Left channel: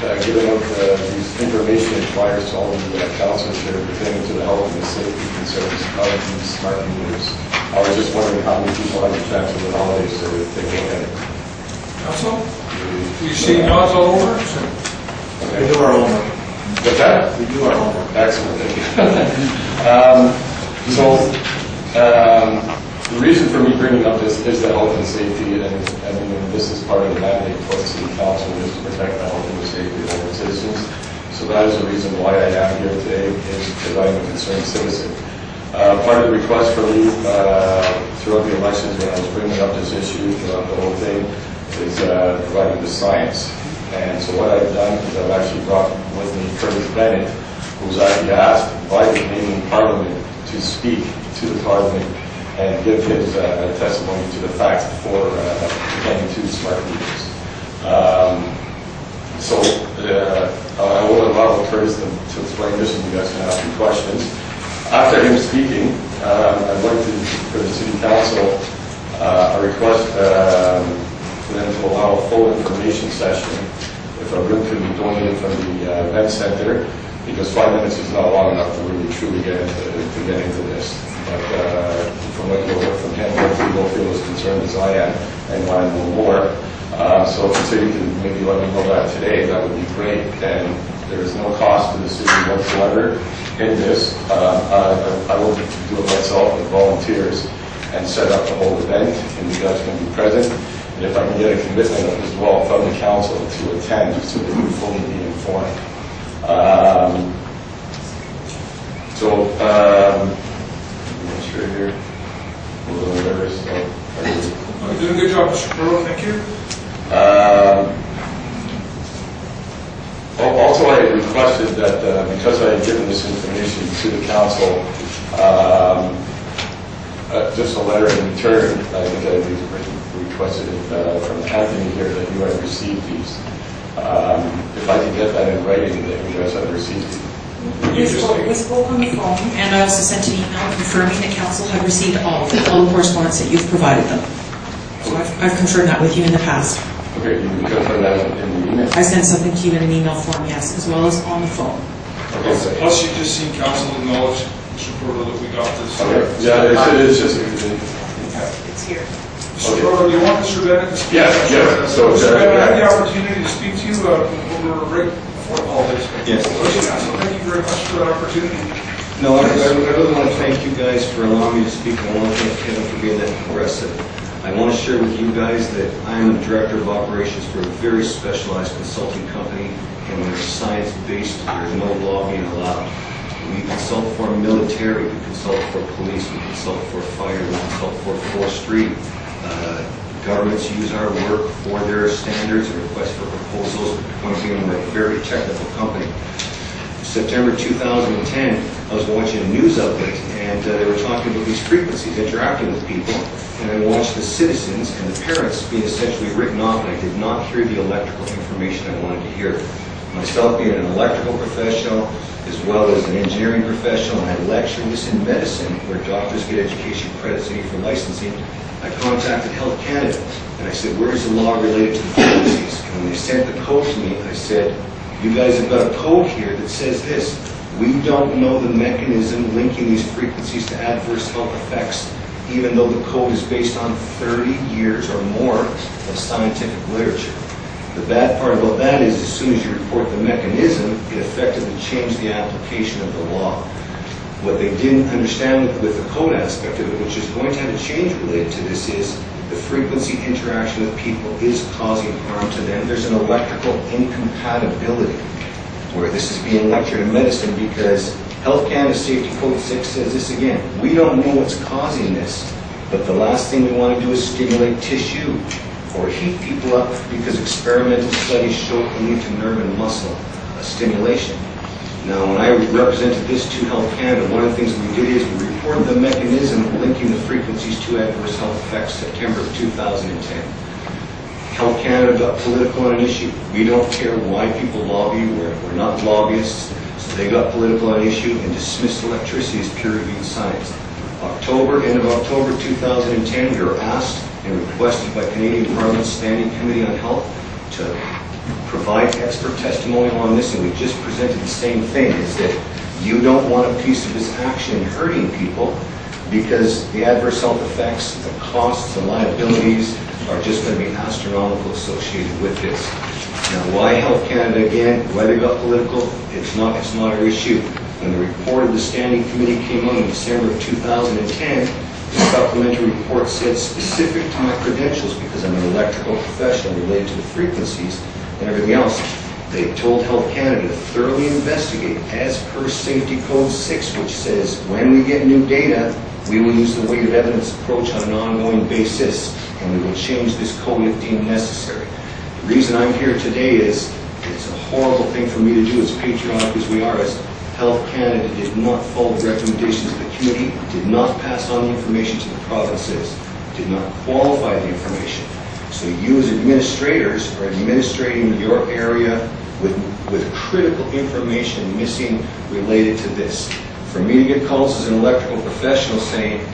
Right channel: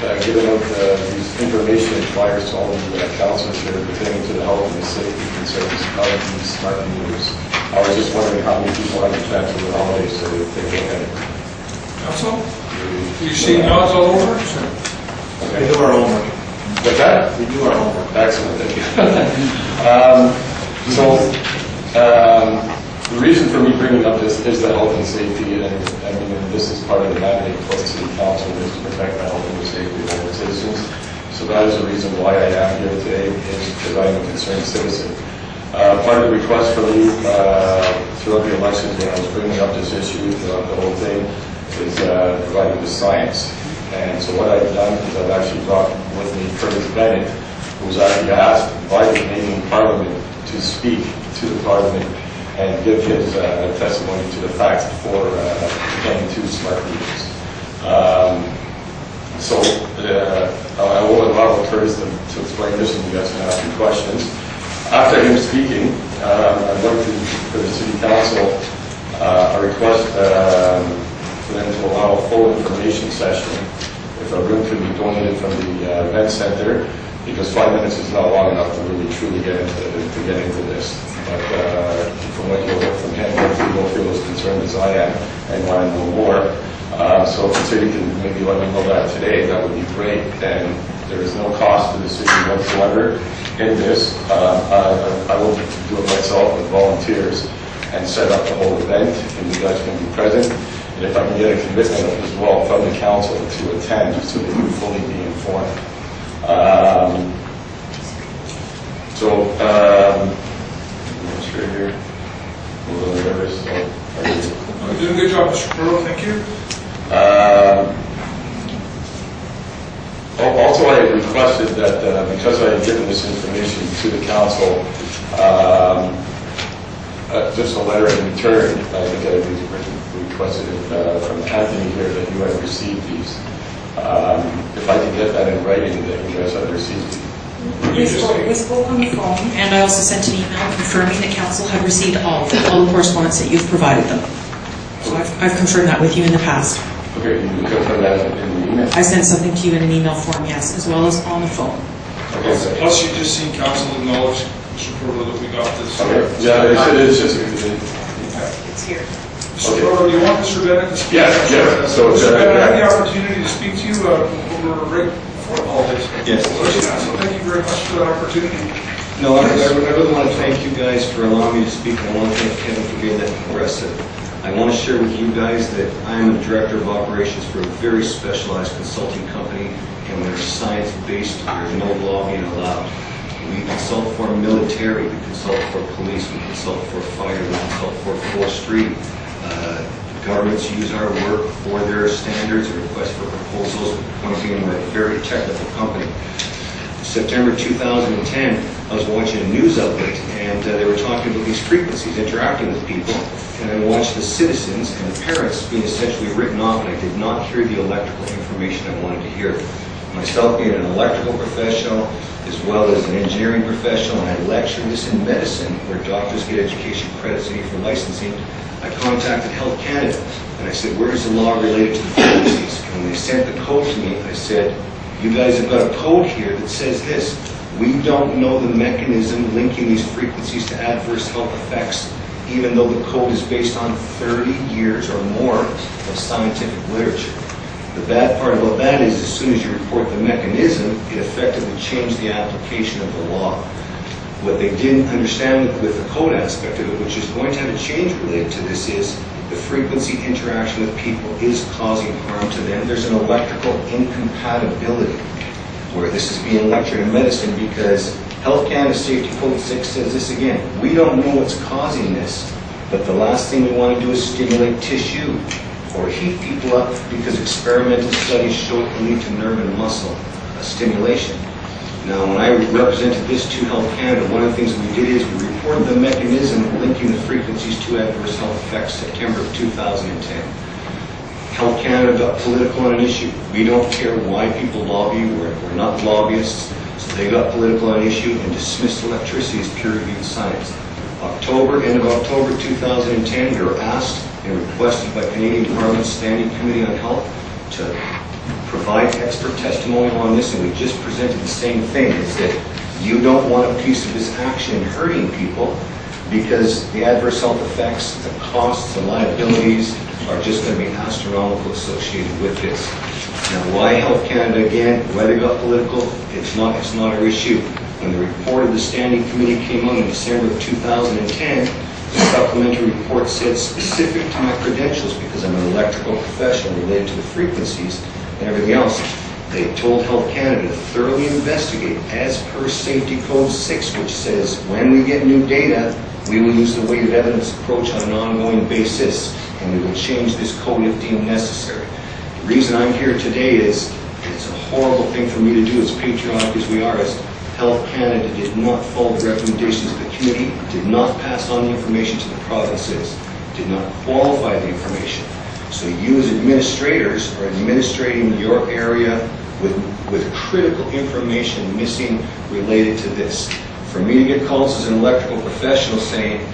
giving out these information flyers to all the councillors here pertaining to the health and the safety concerns of these smart meters. I was just wondering how many people had a chance over the holidays to take a look at it. Council? You see nods all over? Okay. We do our homework. What's that? We do our homework. Excellent. Thank you. The reason for me bringing up this is the health and safety, and I mean, this is part of the mandate for the City Council is to protect the health and the safety of all the citizens. So that is the reason why I am here today, is because I am a concerned citizen. Part of the request from you throughout the elections when I was bringing up this issue, throughout the whole thing, is providing the science. And so what I've done is I've actually brought with me Bennett, who was actually asked by the Canadian Parliament to speak to the Parliament and give his testimony to the facts for pertaining to smart meters. I will allow Curtis to explain this, and you guys can ask me questions. After him speaking, I'd like to, for the City Council, a request for them to allow a full information session. If a room could be donated from the event center, because 5 minutes is not long enough to really truly get into this. But from what you'll hear from him, hopefully you'll feel as concerned as I am and want to know more. So if the city can maybe let me know that today, that would be great. And there is no cost to the city whatsoever in this. I will do it myself with volunteers and set up the whole event, and you guys can be present. And if I can get a commitment as well from the council to attend, so they can fully be informed. I'm sure here, a little nervous. So You're doing a good job, Mr. Proteau. Thank you. Also, I requested that because I had given this information to the council, just a letter in return. I think I requested it from Anthony here that you had received these. If I could get that in writing, that you guys had received these. We spoke on the phone, and I also sent an email confirming that council had received all the correspondence that you've provided them. So I've confirmed that with you in the past. Okay, you can confirm that in the email? I sent something to you in an email form, yes, as well as on the phone. Okay, so Plus, you just seen council acknowledge, Mr. Proteau, that we got this. okay. Yeah, it's just. It's here. Mr. Proteau, do you want Mr. Bennett to speak? Yeah. So Mr. Bennett, I had the opportunity to speak to you over right before the holidays. Yes. So thank you very much for that opportunity. No, I really want to thank you guys for allowing me to speak. I want to thank Kevin for being that progressive. I want to share with you guys that I am the director of operations for a very specialized consulting company, and we're science-based. There's no lobbying allowed. We consult for military, we consult for police, we consult for fire, we consult for forestry. Governments use our work for their standards and request for proposals. Point being, we're a very technical company. September 2010, I was watching a news outlet, and they were talking about these frequencies, interacting with people, and I watched the citizens and the parents being essentially written off, and I did not hear the electrical information I wanted to hear. Myself being an electrical professional, as well as an engineering professional, and I lectured this in medicine, where doctors get education credits and for licensing, I contacted Health Canada, and I said, where's the law related to the frequencies? And when they sent the code to me, I said, you guys have got a code here that says this. We don't know the mechanism linking these frequencies to adverse health effects, even though the code is based on 30 years or more of scientific literature. The bad part about that is, as soon as you report the mechanism, it effectively changed the application of the law. What they didn't understand with the code aspect of it, which is going to have a change related to this, is the frequency interaction with people is causing harm to them. There's an electrical incompatibility, where this is being lectured in medicine, because Health Canada Safety Code 6 says this again. We don't know what's causing this, but the last thing we want to do is stimulate tissue or heat people up, because experimental studies show it can lead to nerve and muscle stimulation. Now, when I represented this to Health Canada, one of the things we did is we reported the mechanism linking the frequencies to adverse health effects September of 2010. Health Canada got political on an issue. We don't care why people lobby. We're not lobbyists. So they got political on an issue and dismissed electricity as peer-reviewed science. End of October 2010, we were asked and requested by Canadian Parliament's Standing Committee on Health to provide expert testimonial on this, and we just presented the same thing, is that you don't want a piece of this action hurting people, because the adverse health effects, the costs, the liabilities are just going to be astronomical associated with this. Now, why Health Canada, again, why they got political, it's not our issue. When the report of the Standing Committee came out in December of 2010, the supplementary report said, specific to my credentials, because I'm an electrical professional related to the frequencies and everything else, they told Health Canada to thoroughly investigate as per Safety Code 6, which says when we get new data, we will use the weighted evidence approach on an ongoing basis, and we will change this code if deemed necessary. The reason I'm here today is it's a horrible thing for me to do, as patriotic as we are, as Health Canada did not follow the recommendations of the committee, did not pass on the information to the provinces, did not qualify the information. So you as administrators are administrating your area with critical information missing related to this. For me to get calls as an electrical professional saying,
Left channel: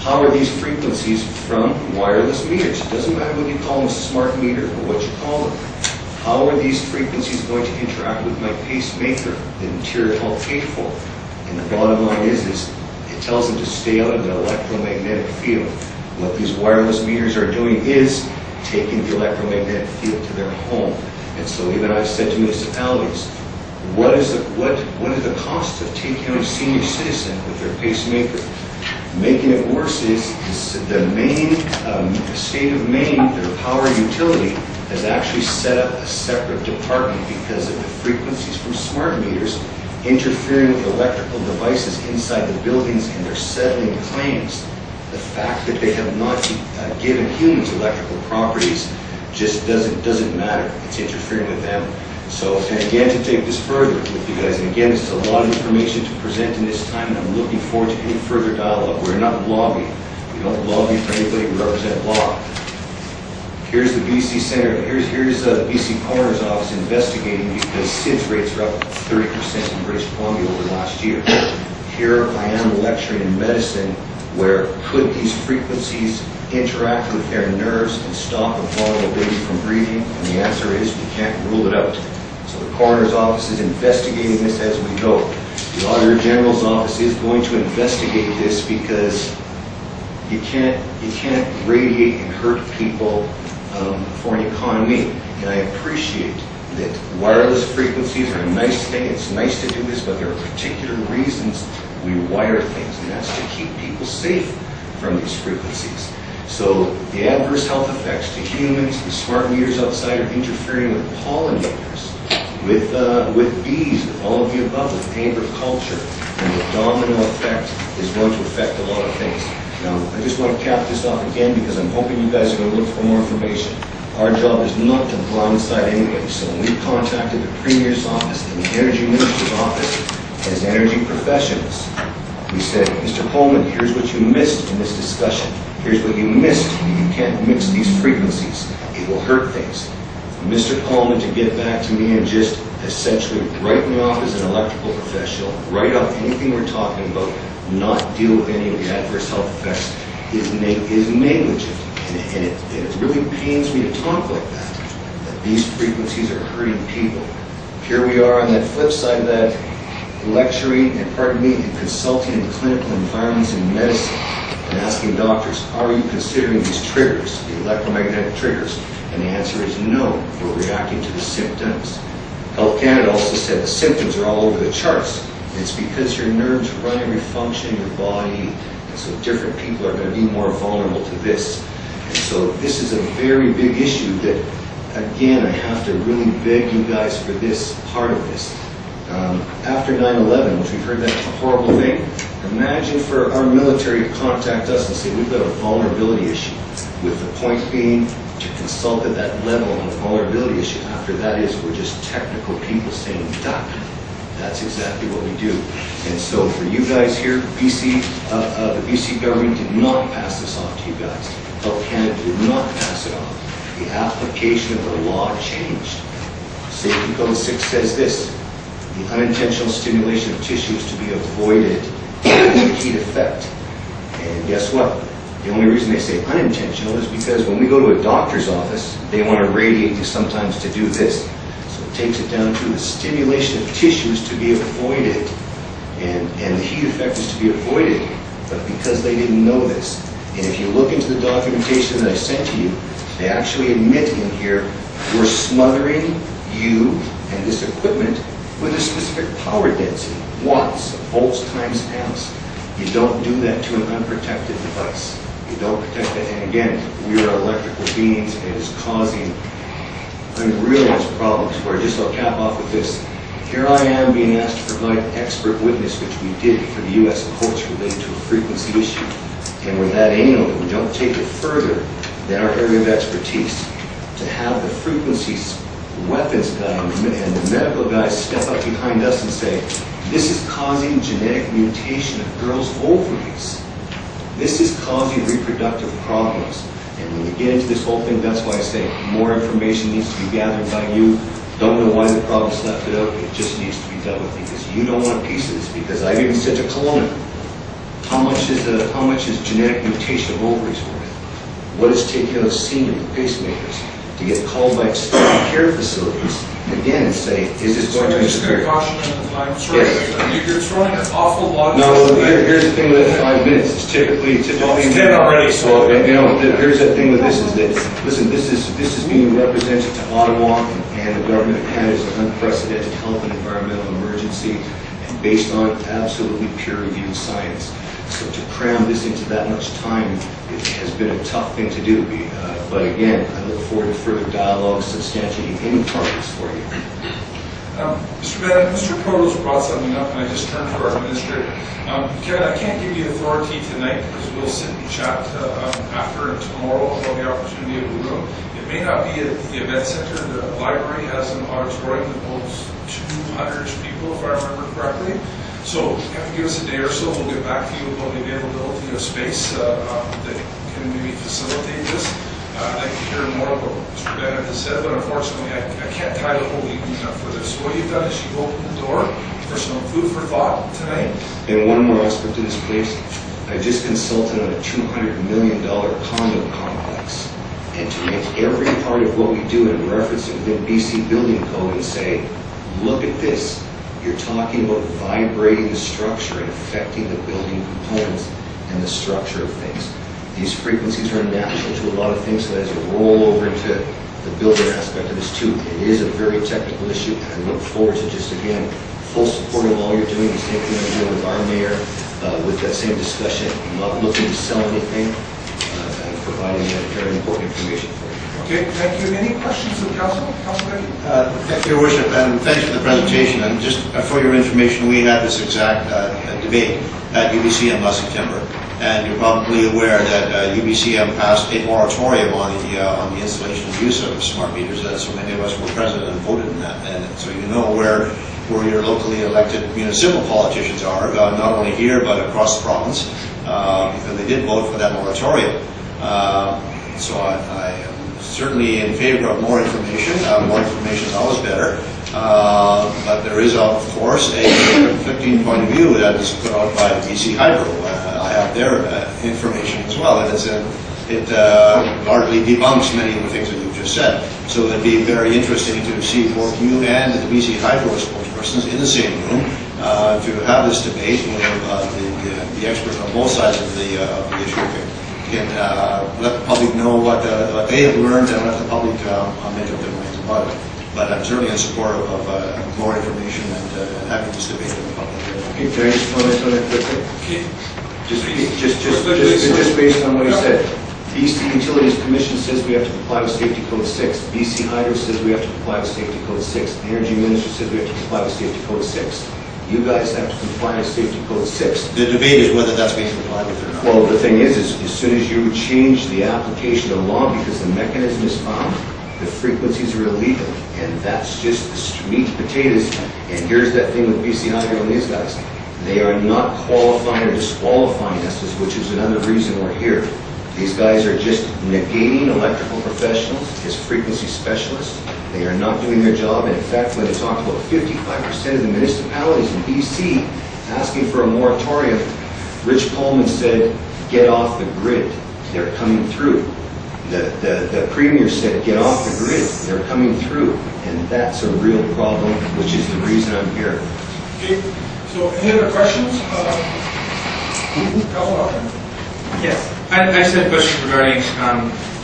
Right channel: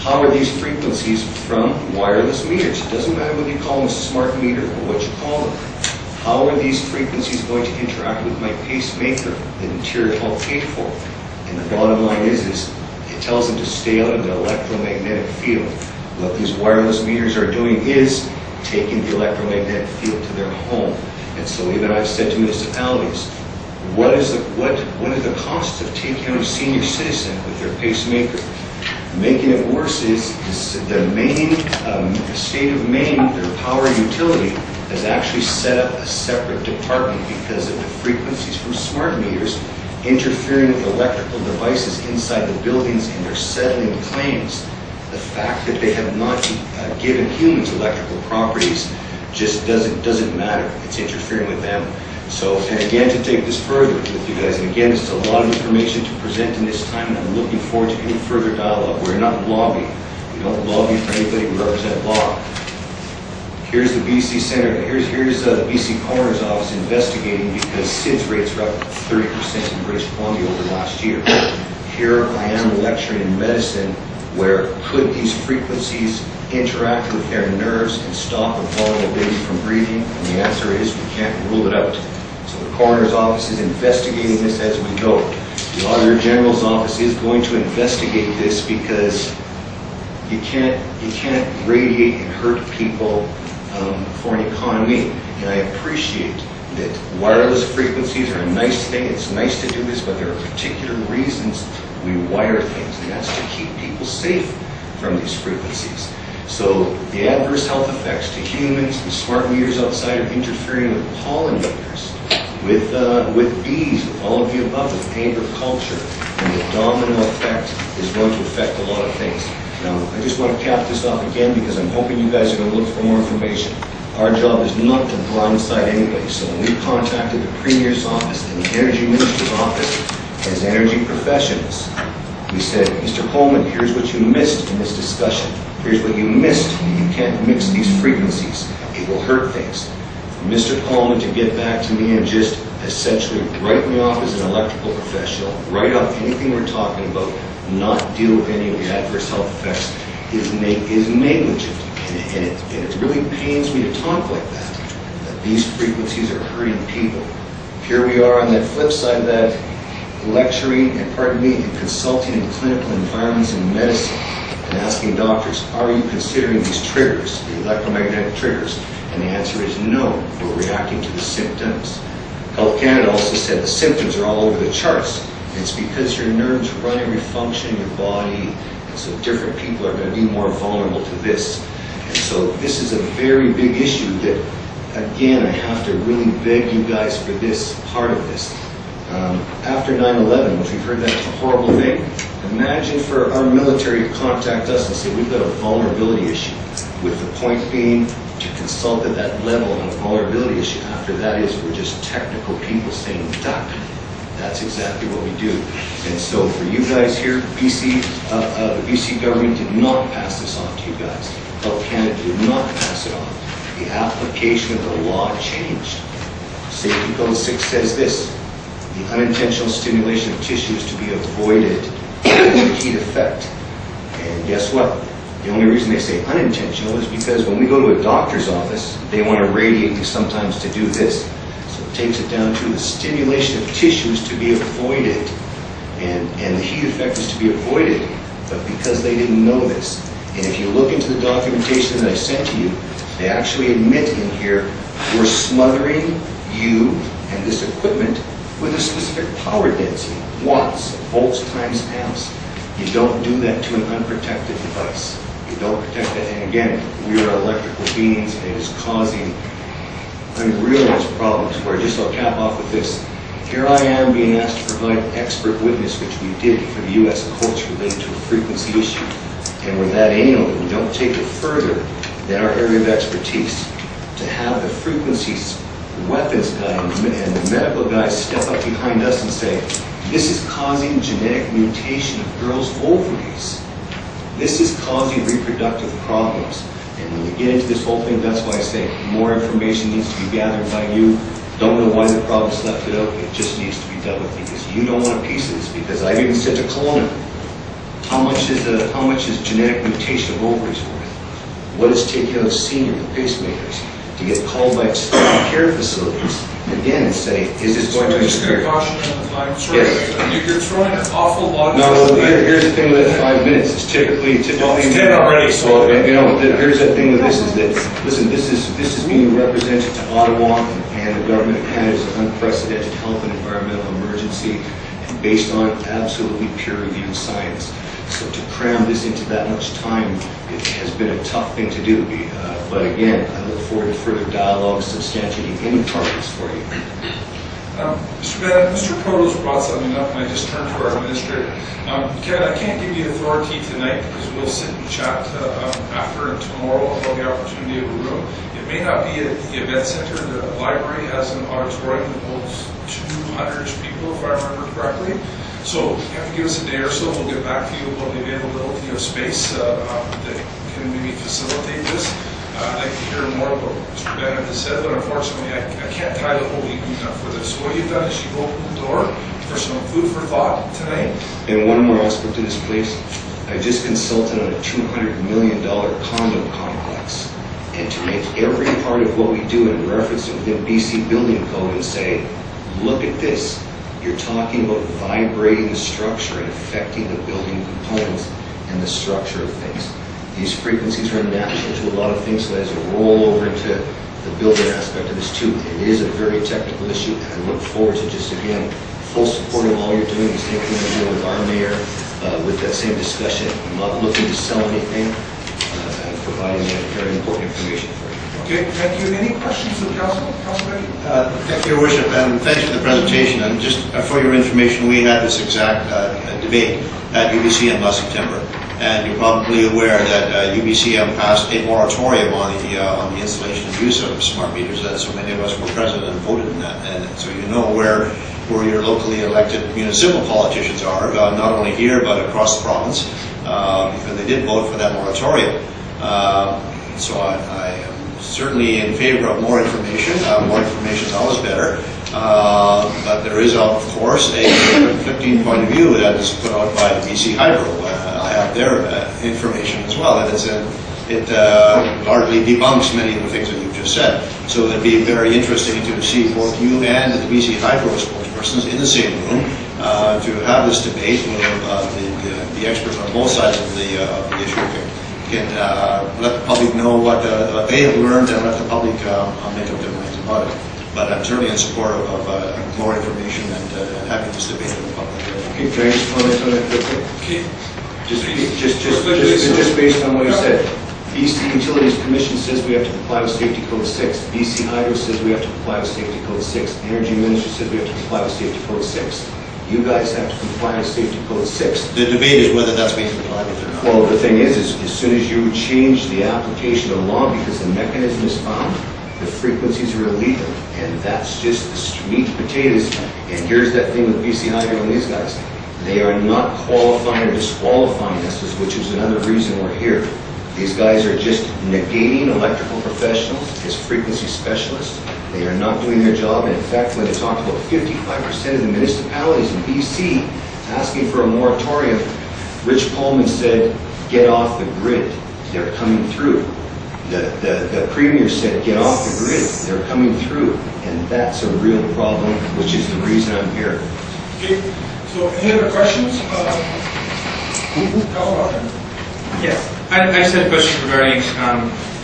how are these frequencies from wireless meters? It doesn't matter whether you call them a smart meter or what you call them. How are these frequencies going to interact with my pacemaker that Interior Health paid for? And the bottom line is it tells them to stay out of the electromagnetic field. What these wireless meters are doing is taking the electromagnetic field to their home. And so even I've said to municipalities, what are the costs of taking out a senior citizen with their pacemaker? Making it worse is the Maine, state of Maine, their power utility, has actually set up a separate department because of the frequencies from smart meters interfering with electrical devices inside the buildings, and they're settling claims. The fact that they have not given humans electrical properties just doesn't matter. It's interfering with them. So, and again, to take this further with you guys, and again, this is a lot of information to present in this time, and I'm looking forward to any further dialogue. We're not lobbying. We don't lobby for anybody. We represent law. Here's the BC Center. Here's the BC Coroner's Office investigating because SIDS rates are up 30% in British Columbia over last year. Here I am lecturing in medicine, where could these frequencies interact with their nerves and stop a vulnerable baby from breathing? And the answer is we can't rule it out. So the Coroner's Office is investigating this as we go. The Auditor General's Office is going to investigate this because you can't radiate and hurt people for an economy. And I appreciate that wireless frequencies are a nice thing. It's nice to do this, but there are particular reasons we wire things, and that's to keep people safe from these frequencies. So the adverse health effects to humans, the smart meters outside are interfering with pollinators, with bees, with all of the above, with agriculture, and the domino effect is going to affect a lot of things. Now, I just want to cap this off again because I'm hoping you guys are going to look for more information. Our job is not to blindside anybody. So when we contacted the Premier's office and the Energy Minister's office as energy professionals, we said, Mr. Coleman, here's what you missed in this discussion. Here's what you missed. You can't mix these frequencies. It will hurt things. For Mr. Coleman to get back to me and just essentially write me off as an electrical professional, write off anything we're talking about, not deal with any of the adverse health effects is negligent. And it really pains me to talk like that these frequencies are hurting people. Here we are on that flip side of that, lecturing and, pardon me, and consulting in clinical environments in medicine and asking doctors, are you considering these triggers, the electromagnetic triggers? And the answer is no, we're reacting to the symptoms. Health Canada also said the symptoms are all over the charts. It's because your nerves run every function in your body, and so different people are going to be more vulnerable to this. And so this is a very big issue that, again, I have to really beg you guys for this part of this. After 9/11, which we've heard that's a horrible thing, imagine for our military to contact us and say we've got a vulnerability issue, with the point being to consult at that level on a vulnerability issue. After that is we're just technical people saying duck. That's exactly what we do. And so for you guys here, BC, the BC government did not pass this off to you guys. Health Canada did not pass it off. The application of the law changed. Safety Code 6 says this: the unintentional stimulation of tissue is to be avoided as a heat effect. And guess what? The only reason they say unintentional is because when we go to a doctor's office, they want to radiate you sometimes to do this. So it takes it down to the stimulation of tissues to be avoided. And the heat effect is to be avoided, but because they didn't know this. And if you look into the documentation that I sent to you, they actually admit in here, we're smothering you and this equipment with a specific power density, watts, volts times amps. You don't do that to an unprotected device. You don't protect it. And again, we are electrical beings, and it is causing real problems. Where just I'll cap off with this. Here I am being asked to provide expert witness, which we did for the U.S. courts related to a frequency issue. And we're that anal that we don't take it further than our area of expertise. To have the frequencies weapons guy and the medical guys step up behind us and say, this is causing genetic mutation of girls' ovaries. This is causing reproductive problems. And when you get into this whole thing, that's why I say more information needs to be gathered by you. Don't know why the province left it out. It just needs to be dealt with because you don't want a piece of this. Because I've even said to Kelowna, how much is genetic mutation of ovaries worth? What is taking out senior pacemakers? To get called by extended care facilities again and say, is this going to just going to caution on the time? Sorry, yes. You're throwing an awful lot of... No, well, here's the thing with 5 minutes. It's typically... Well, it's 10 already, so... Here's the thing with this is that, listen, this is being represented to Ottawa and the government of Canada as an unprecedented health and environmental emergency and based on absolutely peer-reviewed science. So to cram this into that much time, it has been a tough thing to do. But again, I look forward to further dialogue substantiating any progress for you. Mr. Bennett, Mr. Proteau's brought something up, and I just turned to our administrator. Kevin, I can't give you authority tonight because we'll sit and chat after and tomorrow about the opportunity of a room. It may not be at the event center. The library has an auditorium that holds 200-ish people, if I remember correctly. So you have to give us a day or so. We'll get back to you about the availability of space that can maybe facilitate this. I'd like to hear more about what Mr. Bennett has said, but unfortunately I can't tie the whole evening up for this. So what you've done is you've opened the door for some food for thought tonight. And one more aspect to this place, I just consulted on a $200 million condo complex. And to make every part of what we do and reference it within BC Building Code and say, look at this. You're talking about vibrating the structure and affecting the building components and the structure of things. These frequencies are natural to a lot of things, so there's a rollover into the building aspect of this too. It is a very technical issue, and I look forward to just, again, full support of all you're doing, the same thing I'm doing with our mayor, with that same discussion. I'm not looking to sell anything, and providing that very important information for you. Okay, thank you. Any questions of Council? Council Becky? Thank you, Your Worship, and thanks for the presentation. And just for your information, we had this exact debate at UBCM last September. And you're probably aware that UBCM passed a moratorium on the installation and use of smart meters. So many of us were present and voted in that. And so you know where your locally elected municipal politicians are, not only here but across the province, because they did vote for that moratorium. So I am certainly in favor of more information. More information is always better. But there is, of course, a conflicting point of view that is put out by BC Hydro. I have their information as well, and it largely debunks many of the things that you've just said. So it'd be very interesting to see both you and the BC Hydro spokespersons in the same room to have this debate where the experts on both sides of the issue can let the public know what they have learned and let the public make up their minds about it. But I'm certainly in support of more information and having this debate in the public. Okay, can I just comment on that quickly? Okay. Just based on what you said. BC Utilities Commission says we have to comply with Safety Code 6. BC Hydro says we have to comply with Safety Code 6. The Energy Minister says we have to comply with Safety Code 6. You guys have to comply with Safety Code 6. The debate is whether that's being complied with or not. Well, the thing is as soon as you change the application of the law because the mechanism is found, the frequencies are illegal. And that's just the meat and potatoes. And here's that thing with BC Hydro and these guys. They are not qualifying or disqualifying us, which is another reason we're here. These guys are just negating electrical professionals as frequency specialists. They are not doing their job. And in fact, when they talk about 55% of the municipalities in BC asking for a moratorium, Rich Coleman said, get off the grid. They're coming through. The Premier said, get off the grid. They're coming through. And that's a real problem, which is the reason I'm here. Okay, so any other questions? Yes, I just had a question regarding,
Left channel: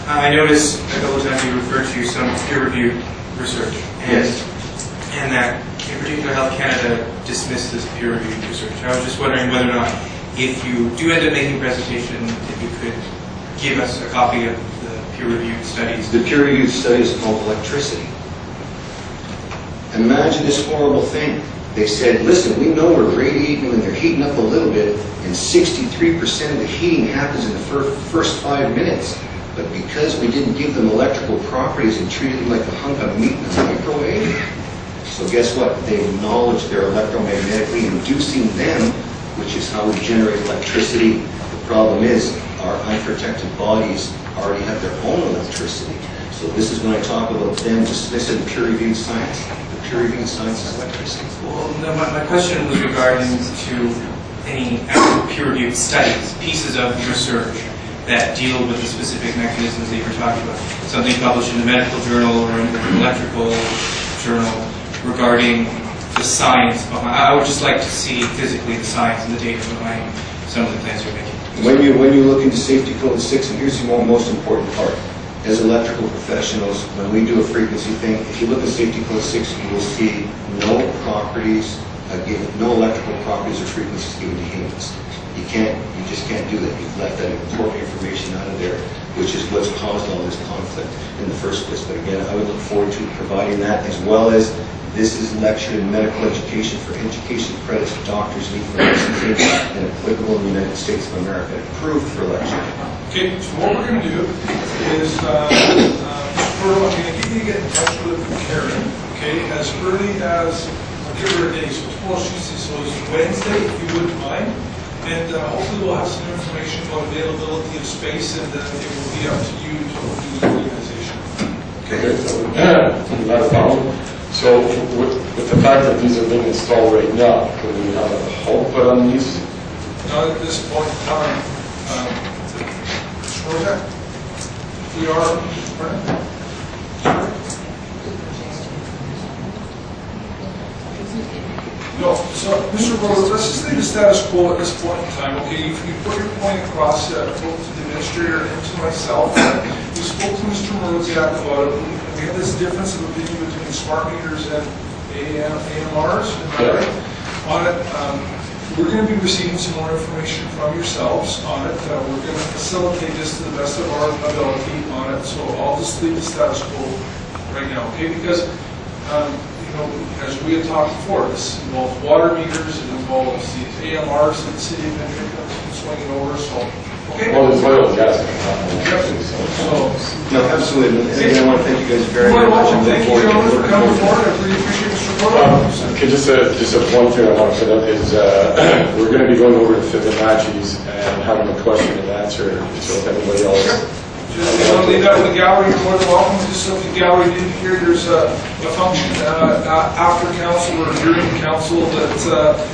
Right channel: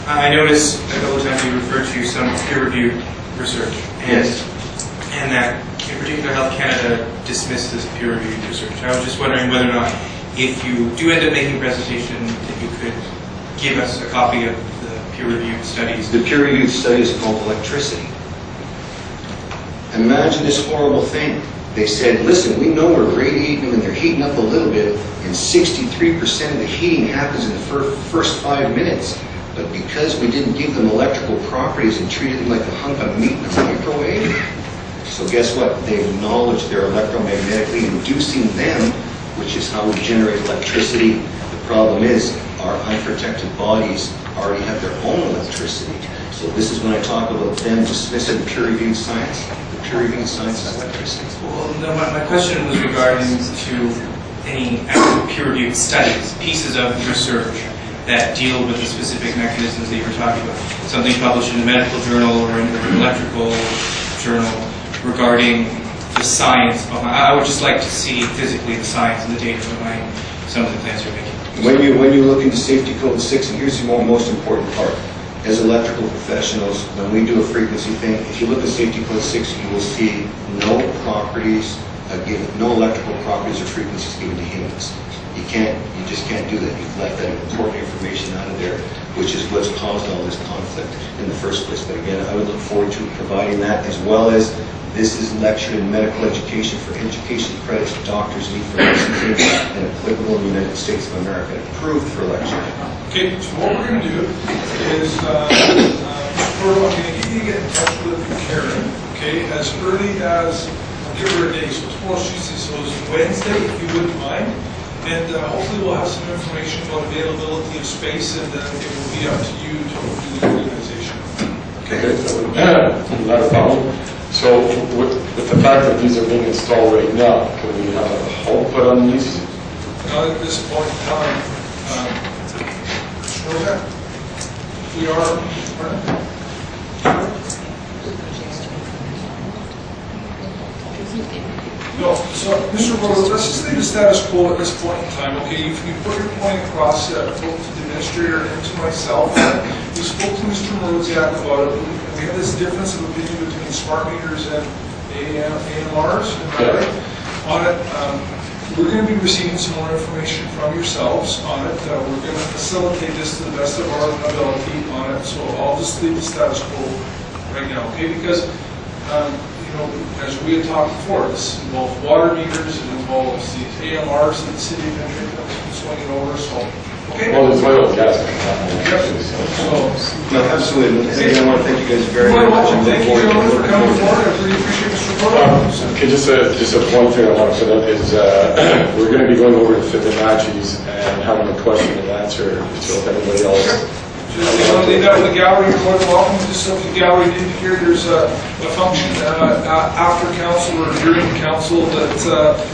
I noticed a couple of times you referred to some peer-reviewed research. And that, in particular, Health Canada dismissed this peer-reviewed research. I was just wondering whether or not, if you do end up making a presentation, if you could give us a copy of the peer-reviewed studies. The peer-reviewed study is called electricity. Imagine this horrible thing. They said, listen, we know we're radiating when they're heating up a little bit, and 63% of the heating happens in the first 5 minutes. But because we didn't give them electrical properties and treated them like a hunk of meat in a microwave, so guess what? They acknowledge they're electromagnetically inducing them, which is how we generate electricity. The problem is our unprotected bodies already have their own electricity. So this is when I talk about them dismissing peer-reviewed science. The peer-reviewed science is electricity. Well, no, my question was regarding to any actual peer-reviewed studies, pieces of research that deal with the specific mechanisms that you were talking about. Something published in a medical journal or in an electrical journal regarding the science behind. I would just like to see physically the science and the data behind some of the claims you're making. When you look into Safety Code 6, and here's the most important part. As electrical professionals, when we do a frequency thing, if you look at Safety Code 6, you will see no properties given, no electrical properties or frequencies given to humans. You just can't do that. You've left that important information out of there, which is what's caused all this conflict in the first place. But again, I would look forward to providing that, as well as this is lectured in medical education for education credits doctors need for licensing and applicable in the United States of America, approved for lecture. Okay, so what we're going to do is, Mr. Proteau, I'm going to get you to get in touch with Karen, okay, as early as, I'll give her a day, so tomorrow's Tuesday, so it's Wednesday, if you wouldn't mind, and hopefully we'll have some information about availability of space, and then it will be up to you to do the organization. Okay, not a problem. So with the fact that these are being installed right now, can we have a halt put on these? Not at this point in time. We are. No, so Mr. Proteau, let's just leave the status quo at this point in time, okay? If you put your point across, both to the administrator and to myself, we spoke to Mr. Moroziak about it. We have this difference of opinion between smart meters and AMRs, on it. We're going to be receiving some more information from yourselves on it. We're going to facilitate this to the best of our ability on it. So I'll just leave the status quo right now, okay? Because, as we had talked before, this involves water meters, it involves these AMRs that the city of Penticton has been swinging over. So, okay? Well, there's oil and gas. No, absolutely. And I want to thank you guys very much. Thank you, gentlemen, for coming forward. I really appreciate Mr. Proteau. Okay, just a point thing I want to put up is we're going to be going over to Fibonacci's and having a question and answer. So if anybody else. Just leave that with the gallery. You're more than welcome. Just so the gallery didn't hear, there's a function after council or during council that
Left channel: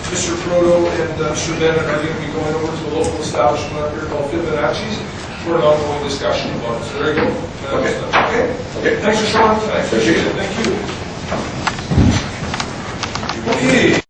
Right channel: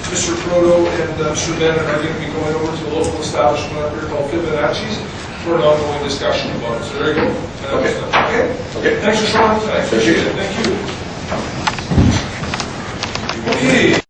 Mr. Proteau and Mr. Bennett are going to be going over to a local establishment up here called Fibonacci's for an ongoing discussion about it. So there you go. Okay. Thanks for showing up tonight. Appreciate it. Thank you. Okay.